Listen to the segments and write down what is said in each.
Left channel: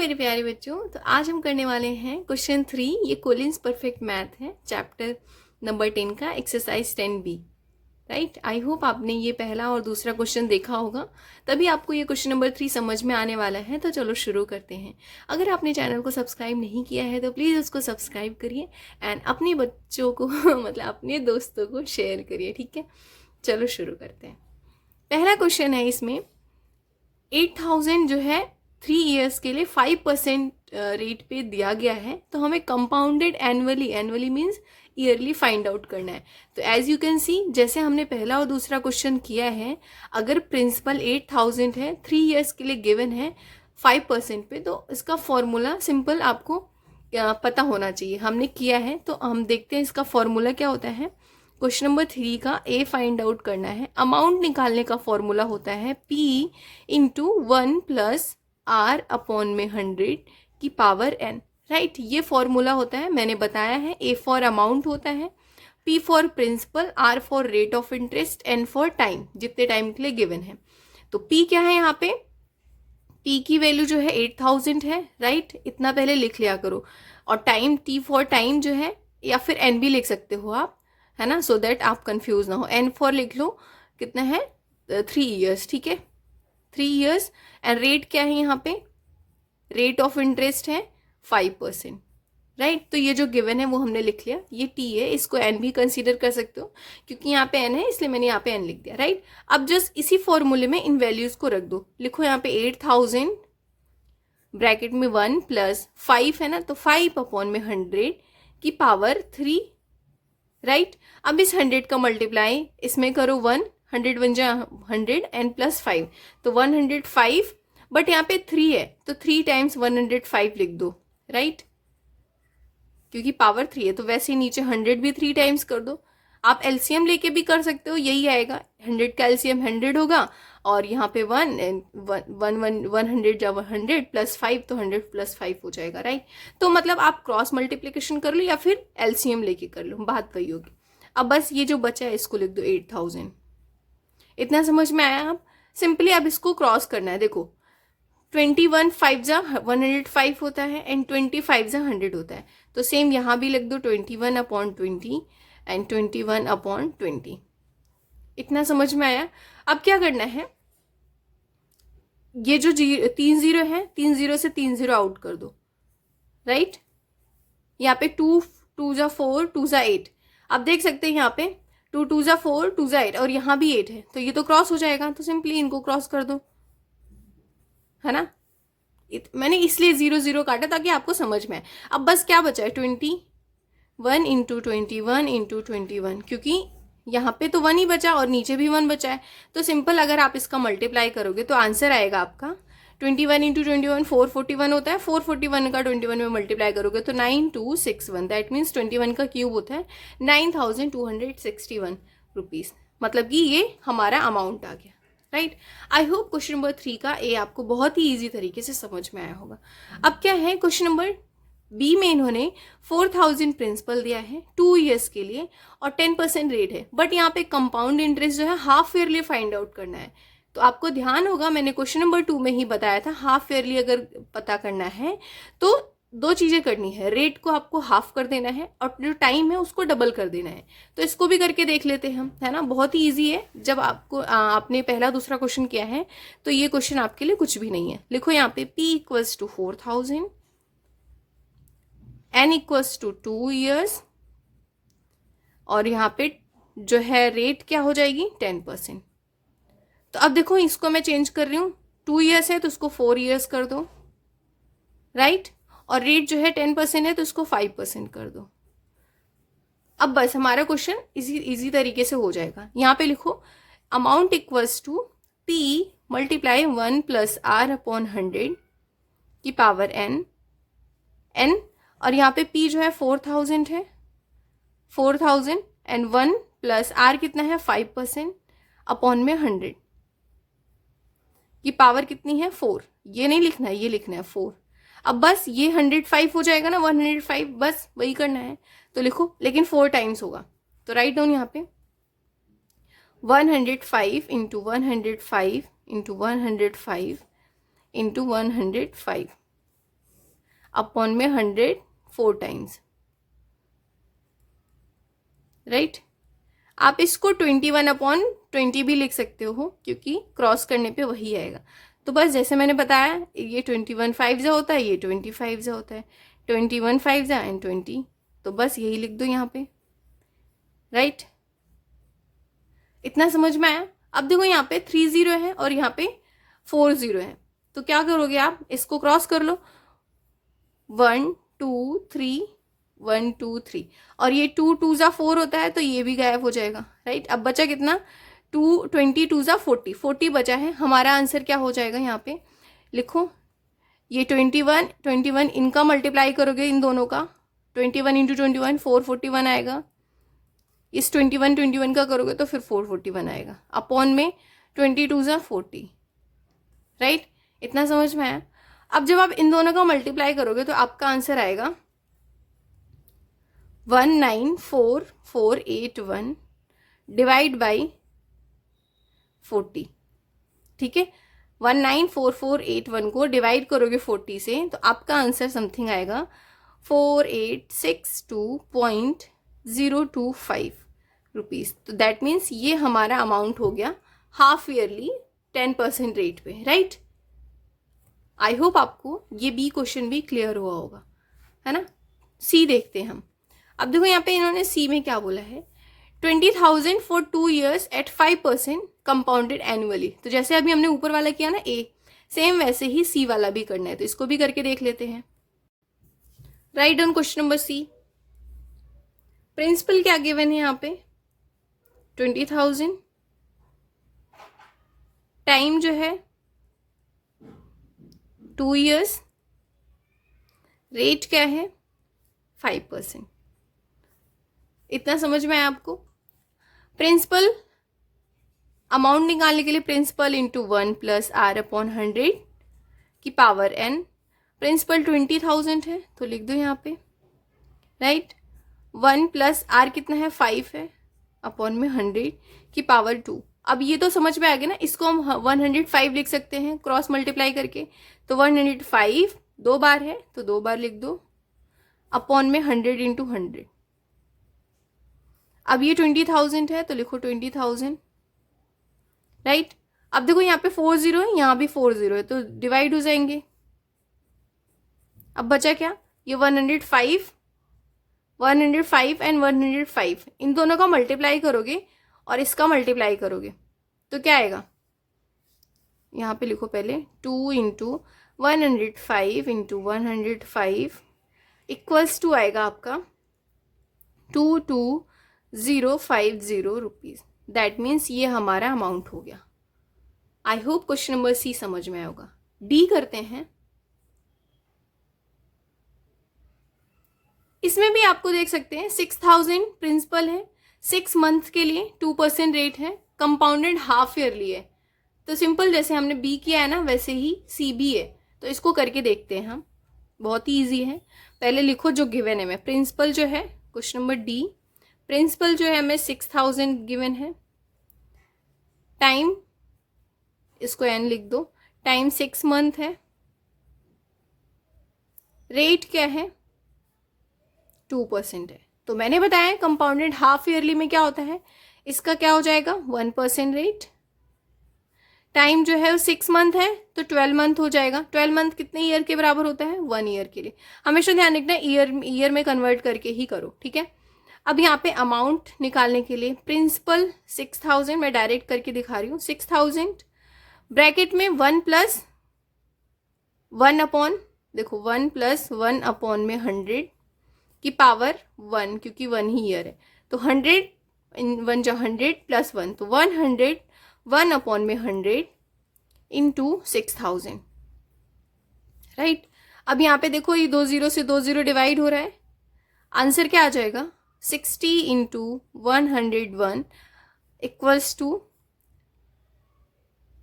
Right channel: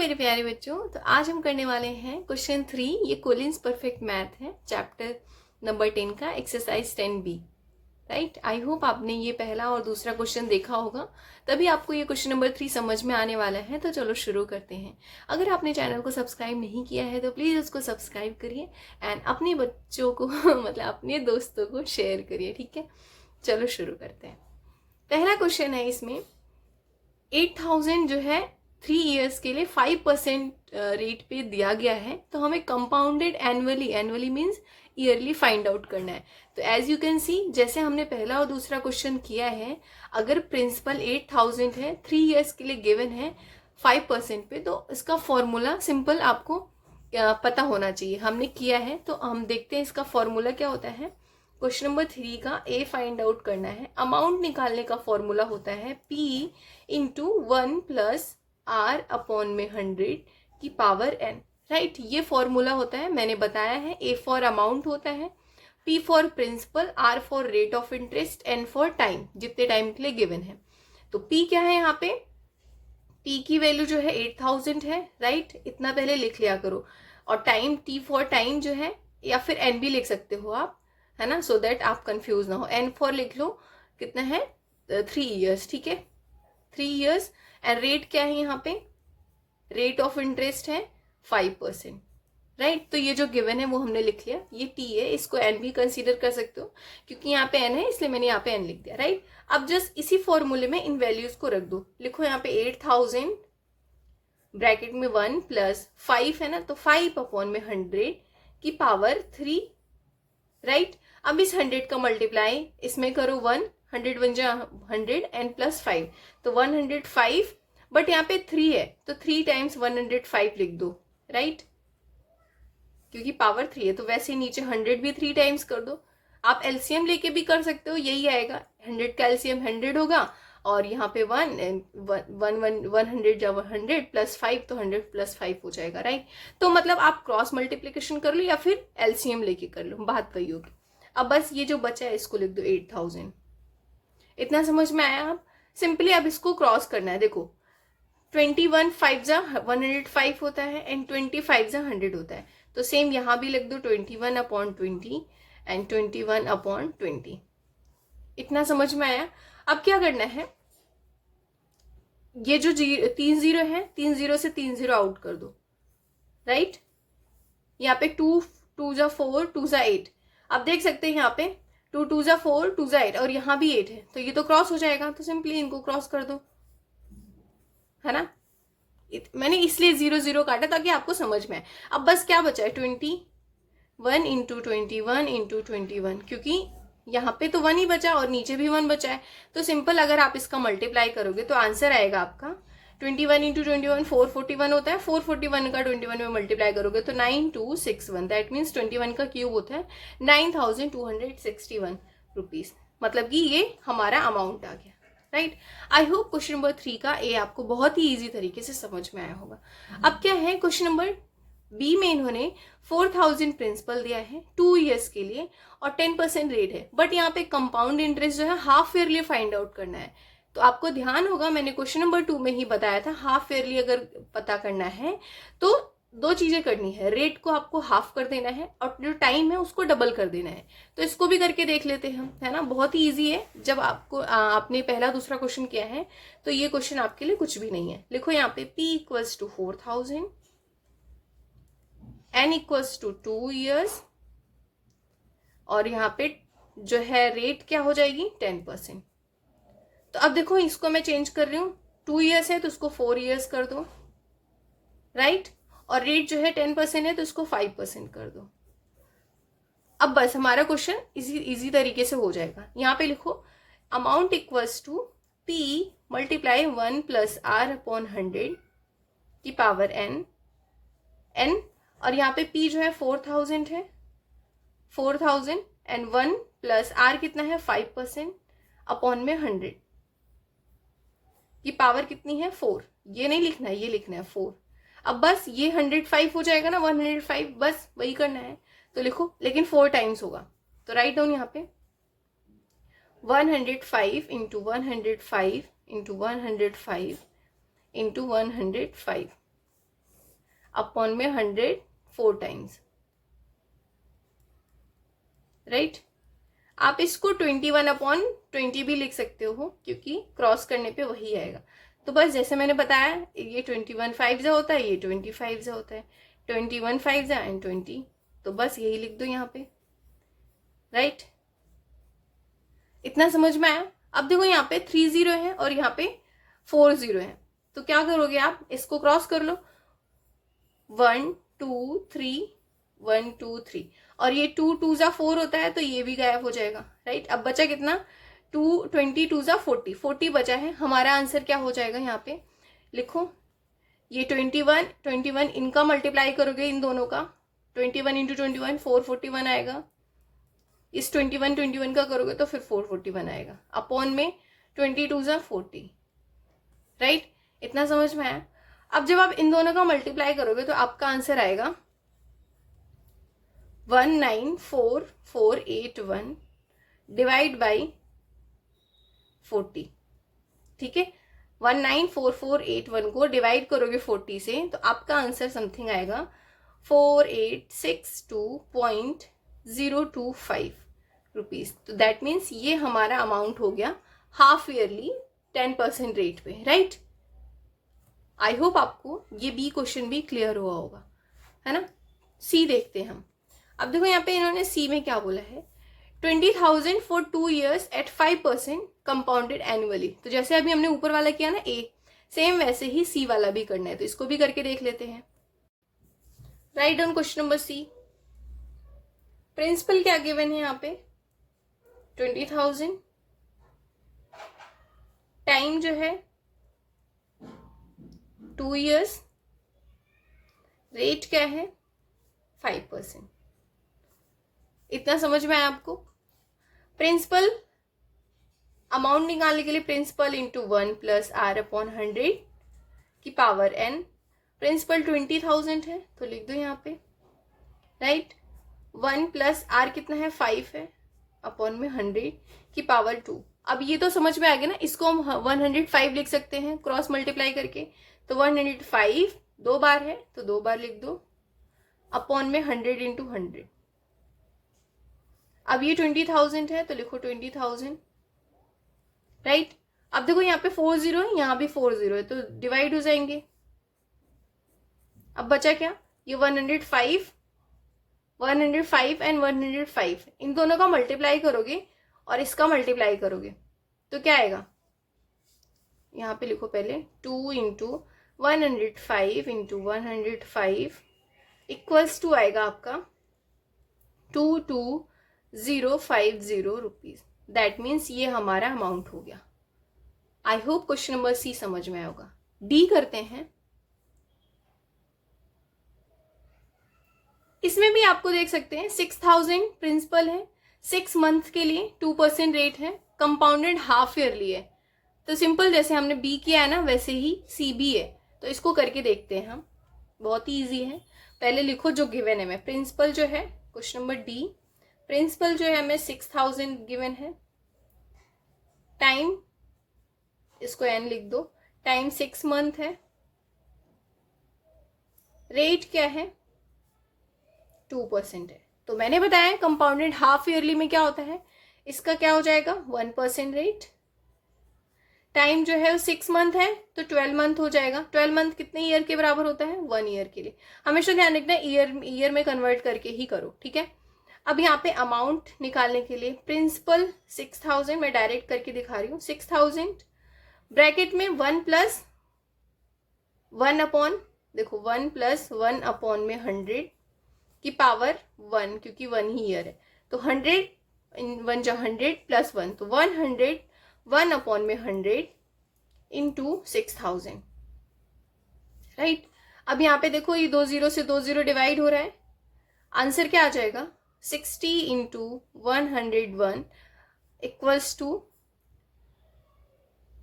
मेरे प्यारे बच्चों, तो आज हम करने वाले हैं क्वेश्चन 3। ये कोलिन्स परफेक्ट मैथ है, चैप्टर नंबर 10 का exercise 10B। Right, I hope आपने ये पहला और दूसरा क्वेश्चन देखा होगा, तभी आपको ये क्वेश्चन नंबर 3 समझ में आने वाला है। तो चलो शुरू करते हैं। अगर आपने चैनल को सब्सक्राइब नहीं किया है तो प्लीज़ उसको सब्सक्राइब करिए एंड अपने बच्चों को मतलब अपने दोस्तों को शेयर करिए, ठीक है। चलो शुरू करते हैं। पहला क्वेश्चन है, इसमें 8000 जो है 3 ईयर्स के लिए 5% रेट पे दिया गया है, तो हमें compounded annually means yearly find out करना है। तो एज यू कैन सी, जैसे हमने पहला और दूसरा क्वेश्चन किया है, अगर प्रिंसिपल 8000 है, 3 ईयर्स के लिए गिवन है 5% पे, तो इसका फॉर्मूला सिंपल आपको पता होना चाहिए। हमने किया है तो हम देखते हैं इसका फॉर्मूला क्या होता है। क्वेश्चन नंबर 3 का ए फाइंड आउट करना है। अमाउंट निकालने का फॉर्मूला होता है P into 1 plus R upon में 100 की पावर n। राइट, ये फॉर्मूला होता है, मैंने बताया है। A फॉर अमाउंट होता है, P for principal, R for rate of interest, N for time, जितने टाइम के लिए गिवन है। तो P क्या है यहाँ पे, P की वैल्यू जो है 8000 है। राइट, इतना पहले लिख लिया करो। और टाइम, T फॉर टाइम जो है, या फिर N भी लिख सकते हो आप, है ना, सो दैट आप कंफ्यूज ना हो। N फॉर लिख लो, कितना है 3 ईयर्स, ठीक है, 3 ईयर्स। एंड रेट क्या है यहाँ पे, रेट ऑफ इंटरेस्ट है 5%। राइट, तो ये जो गिवन है वो हमने लिख लिया, ये T है, इसको N भी कंसीडर कर सकते हो, क्योंकि यहाँ पे N है इसलिए मैंने यहाँ पे N लिख दिया। राइट, अब जस्ट इसी फॉर्मूले में इन वैल्यूज को रख दो। लिखो यहाँ पे 8000 ब्रैकेट में 1 प्लस 5 है ना, तो 5 अपॉन में 100 की पावर 3। राइट, अब इस 100 का मल्टीप्लाई इसमें करो 100 बन जाए 100 एंड प्लस 5, तो 105। बट यहाँ पे 3 है तो 3 टाइम्स 105 लिख दो। राइट, क्योंकि पावर 3 है, तो वैसे नीचे 100 भी 3 टाइम्स कर दो। आप एलसीएम लेके भी कर सकते हो, यही आएगा। 100 का एलसीएम 100 होगा, और यहाँ पे 100 जब 100 प्लस 5, तो 100 प्लस 5 हो जाएगा। राइट, तो मतलब आप क्रॉस मल्टीप्लीकेशन कर लो या फिर एलसीएम लेके कर लो, बात कही होगी। अब बस ये जो बचा है इसको लिख दो 8000। इतना समझ में आया। अब सिंपली अब इसको क्रॉस करना है। देखो 21 5 जा 105 होता है एंड 25 जा 100 होता है, तो सेम यहाँ भी लिख दो 21 अपॉन 20 एंड 21 अपॉन 20। इतना समझ में आया। अब क्या करना है, ये जो 3 जीरो है, 3 जीरो से 3 जीरो आउट कर दो। राइट, यहाँ पे 2 जा 4 2 जा 8। अब देख सकते हैं यहाँ पे 2 जा 4 2 जा 8, और यहाँ भी 8 है, तो ये तो क्रॉस हो जाएगा, तो सिंपली इनको क्रॉस कर दो, है ना। मैंने इसलिए 0 0 काटा ताकि आपको समझ में आए। अब बस क्या बचा है, 21 इंटू 21 इंटू 21, क्योंकि यहाँ पे तो 1 ही बचा और नीचे भी 1 बचा है, तो सिंपल अगर आप इसका मल्टीप्लाई करोगे तो आंसर आएगा आपका 21 इंटू 21 441 होता है। 441 का 21 में मल्टीप्लाई करोगे तो 9261, दैट मीन्स 21 का क्यूब होता है 9261 रुपीज। मतलब कि ये हमारा अमाउंट आ गया। राइट, आई होप क्वेश्चन नंबर 3 का ए आपको बहुत ही इजी तरीके से समझ में आया होगा। अब क्या है, क्वेश्चन नंबर बी में इन्होंने 4000 प्रिंसिपल दिया है 2 ईयर्स के लिए और 10% रेट है, बट यहाँ पे कंपाउंड इंटरेस्ट जो है हाफ ईयरली फाइंड आउट करना है। तो आपको ध्यान होगा, मैंने क्वेश्चन नंबर 2 में ही बताया था, हाफ ईयरली अगर पता करना है तो 2 चीजें करनी है, रेट को आपको हाफ कर देना है और जो टाइम है उसको डबल कर देना है। तो इसको भी करके देख लेते हैं हम, है ना, बहुत ही इजी है। जब आपको आपने पहला दूसरा क्वेश्चन किया है तो ये क्वेश्चन आपके लिए कुछ भी नहीं है। लिखो यहाँ पे P equals to 4000, N equals to 2 years, और यहाँ पे जो है रेट क्या हो जाएगी 10%। तो अब देखो इसको मैं चेंज कर रही हूँ, 2 ईयर्स है तो उसको 4 ईयर्स कर दो। राइट, और रेट जो है 10% है तो इसको 5% कर दो। अब बस हमारा क्वेश्चन इजी तरीके से हो जाएगा। यहाँ पे लिखो amount equals to P multiply 1 plus R upon 100 की पावर n, और यहाँ पे P जो है 4000 है, 4000 एंड 1 प्लस R कितना है 5% अपॉन में 100 की पावर कितनी है 4। ये नहीं लिखना है, ये लिखना है 4। अब बस ये 105 हो जाएगा ना, 105, बस वही करना है। तो लिखो, लेकिन 4 टाइम्स होगा, तो राइट डाउन यहाँ पे 105 इंटू 105 इंटू 105 इंटू 105। अपॉन में 100 4 टाइम्स, राइट। आप इसको 21/20 भी लिख सकते हो क्योंकि क्रॉस करने पे वही आएगा। तो बस जैसे मैंने बताया, ये 21 5 होता है, ये 25 होता है, 21 5 एंड 20, तो बस यही लिख दो यहाँ पे, राइट। इतना समझ में आया। अब देखो यहाँ पे 30 है और यहाँ पे 40 है, तो क्या करोगे आप, इसको क्रॉस कर लो, 1 2 3 1 2 3, और ये 2 2 जा 4 होता है तो ये भी गायब हो जाएगा, राइट। अब बचा कितना, 22 जा 40, 40 बचा है। हमारा आंसर क्या हो जाएगा, यहाँ पे लिखो, ये 21 इनका मल्टीप्लाई करोगे इन दोनों का, 21 इंटू 21 441 आएगा। इस 21 का करोगे तो फिर 441 आएगा, अपॉन में 22 जा 40, राइट। इतना समझ में आया। अब जब आप इन दोनों का मल्टीप्लाई करोगे तो आपका आंसर आएगा 194481 डिवाइड बाई 40, ठीक है। 194481 को डिवाइड करोगे 40 से तो आपका आंसर समथिंग आएगा 4862.025 रुपीज। तो दैट मीन्स ये हमारा अमाउंट हो गया हाफ ईयरली 10% रेट पे, राइट। आई होप आपको ये बी क्वेश्चन भी क्लियर हुआ होगा, है ना। सी देखते हैं हम। अब देखो यहाँ पे इन्होंने सी में क्या बोला है, 20,000 for 2 years at 5% compounded annually. तो जैसे अभी हमने ऊपर वाला किया ना ए, सेम वैसे ही सी वाला भी करना है, तो इसको भी करके देख लेते हैं। Right down question number C. Principal क्या गिवन है यहाँ पे, 20,000, टाइम जो है 2 years, रेट क्या है 5%। इतना समझ में आया आपको। प्रिंसिपल अमाउंट निकालने के लिए principal into 1 plus R upon 100 की पावर n। प्रिंसिपल 20,000 है तो लिख दो यहाँ पे, राइट। 1 प्लस आर कितना है 5 है, अपॉन में 100 की पावर 2। अब ये तो समझ में आ गया ना, इसको हम 105 लिख सकते हैं क्रॉस मल्टीप्लाई करके, तो 105 2 बार है तो 2 बार लिख दो, अपॉन में 100 इंटू 100। अब ये 20,000 है तो लिखो 20,000, राइट। अब देखो यहाँ पे 40 है, यहाँ भी 40 है, तो डिवाइड हो जाएंगे। अब बचा क्या, ये 105 एंड 105, इन दोनों का मल्टीप्लाई करोगे और इसका मल्टीप्लाई करोगे तो क्या आएगा, यहाँ पे लिखो पहले 2 इंटू 105 इंटू 105 इक्वल्स टू आएगा आपका 22,050 रुपीज। दैट मीन्स ये हमारा अमाउंट हो गया। I hope question number C समझ में होगा। डी करते हैं। इसमें भी आपको देख सकते हैं 6,000 प्रिंसिपल है, 6 मंथ के लिए 2% रेट है, कंपाउंडेड हाफ ईयरली है। तो सिंपल जैसे हमने बी किया है ना वैसे ही सी भी है, तो इसको करके देखते हैं हम। बहुत ही ईजी है। पहले लिखो जो गिवन है, मैं प्रिंसिपल जो है क्वेश्चन नंबर डी, प्रिंसिपल जो है हमें 6,000 गिवन है, टाइम इसको एन लिख दो, टाइम 6 मंथ है, रेट क्या है 2% है। तो मैंने बताया कंपाउंडेड हाफ ईयरली में क्या होता है, इसका क्या हो जाएगा 1% रेट। टाइम जो है वो 6 मंथ है तो 12 मंथ हो जाएगा। 12 मंथ कितने ईयर के बराबर होता है, 1 ईयर के लिए। हमेशा ध्यान रखना ईयर में कन्वर्ट करके ही करो, ठीक है। अब यहाँ पे अमाउंट निकालने के लिए प्रिंसिपल 6,000 मैं डायरेक्ट करके दिखा रही हूँ, 6,000 ब्रैकेट में 1 प्लस 1 अपॉन, देखो 1 प्लस 1 अपॉन में 100 की पावर 1, क्योंकि 1 ही ईयर है, तो 100 1 जो 100 प्लस 1, तो 100 1 अपॉन में 100 इंटू 6,000, राइट। अब यहाँ पे देखो ये 2 0 से 2 0 डिवाइड हो रहा है, आंसर क्या आ जाएगा 60 इंटू 101 इक्वल्स टू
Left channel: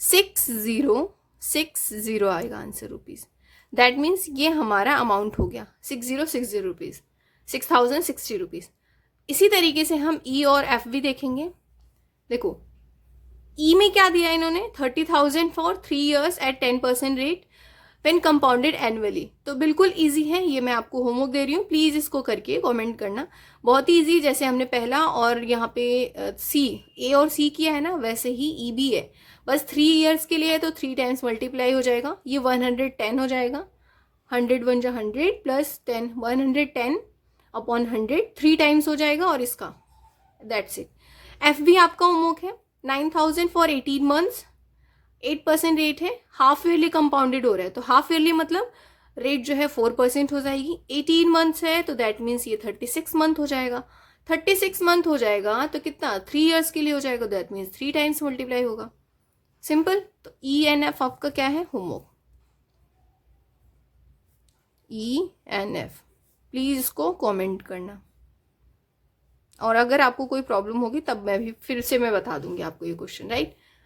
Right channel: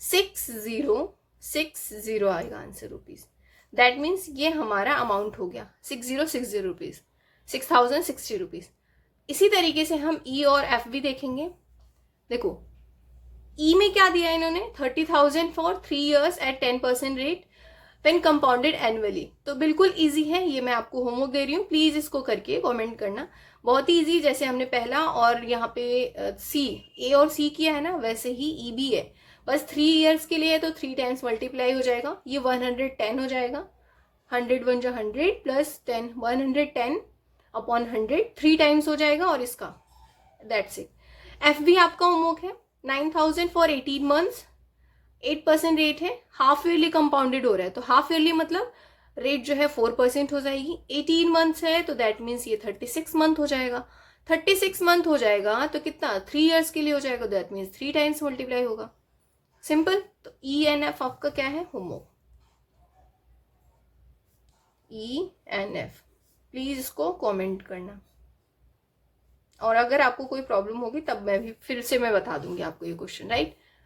6060 आएगा आंसर रुपीज। दैट मीन्स ये हमारा अमाउंट हो गया 6060 रुपीज, 6,060 रुपीज। इसी तरीके से हम ई और एफ भी देखेंगे। देखो ई में क्या दिया इन्होंने, 30,000 for 3 years at 10% rate, when compounded annually. तो बिल्कुल इजी है, ये मैं आपको होमवर्क दे रही हूँ, प्लीज इसको करके कमेंट करना। बहुत ही इजी, जैसे हमने पहला और यहाँ पे सी, ए और सी किया है ना, वैसे ही ई भी है। बस 3 ईयर्स के लिए है तो 3 टाइम्स मल्टीप्लाई हो जाएगा, ये 110 हो जाएगा। 100 वन जा 100 प्लस 10, 110 अपॉन 100 3 टाइम्स हो जाएगा, और इसका दैट्स इट। एफ भी आपका होमवर्क है। 9000 फॉर 18 मंथ्स, 8% रेट है, हाफ ईयरली कंपाउंडेड हो रहा है, तो हाफ ईयरली मतलब रेट जो है 4% हो जाएगी। 18 मंथ्स है तो दैट मीन्स ये 36 मंथ हो जाएगा। 36 मंथ हो जाएगा तो कितना, 3 ईयर्स के लिए हो जाएगा, दैट मीन्स 3 टाइम्स मल्टीप्लाई होगा। सिंपल। तो ई एन एफ आपका क्या है, homework. E N F, please इसको कमेंट करना, और अगर आपको कोई प्रॉब्लम होगी तब मैं भी फिर से मैं बता दूंगी आपको ये क्वेश्चन, राइट।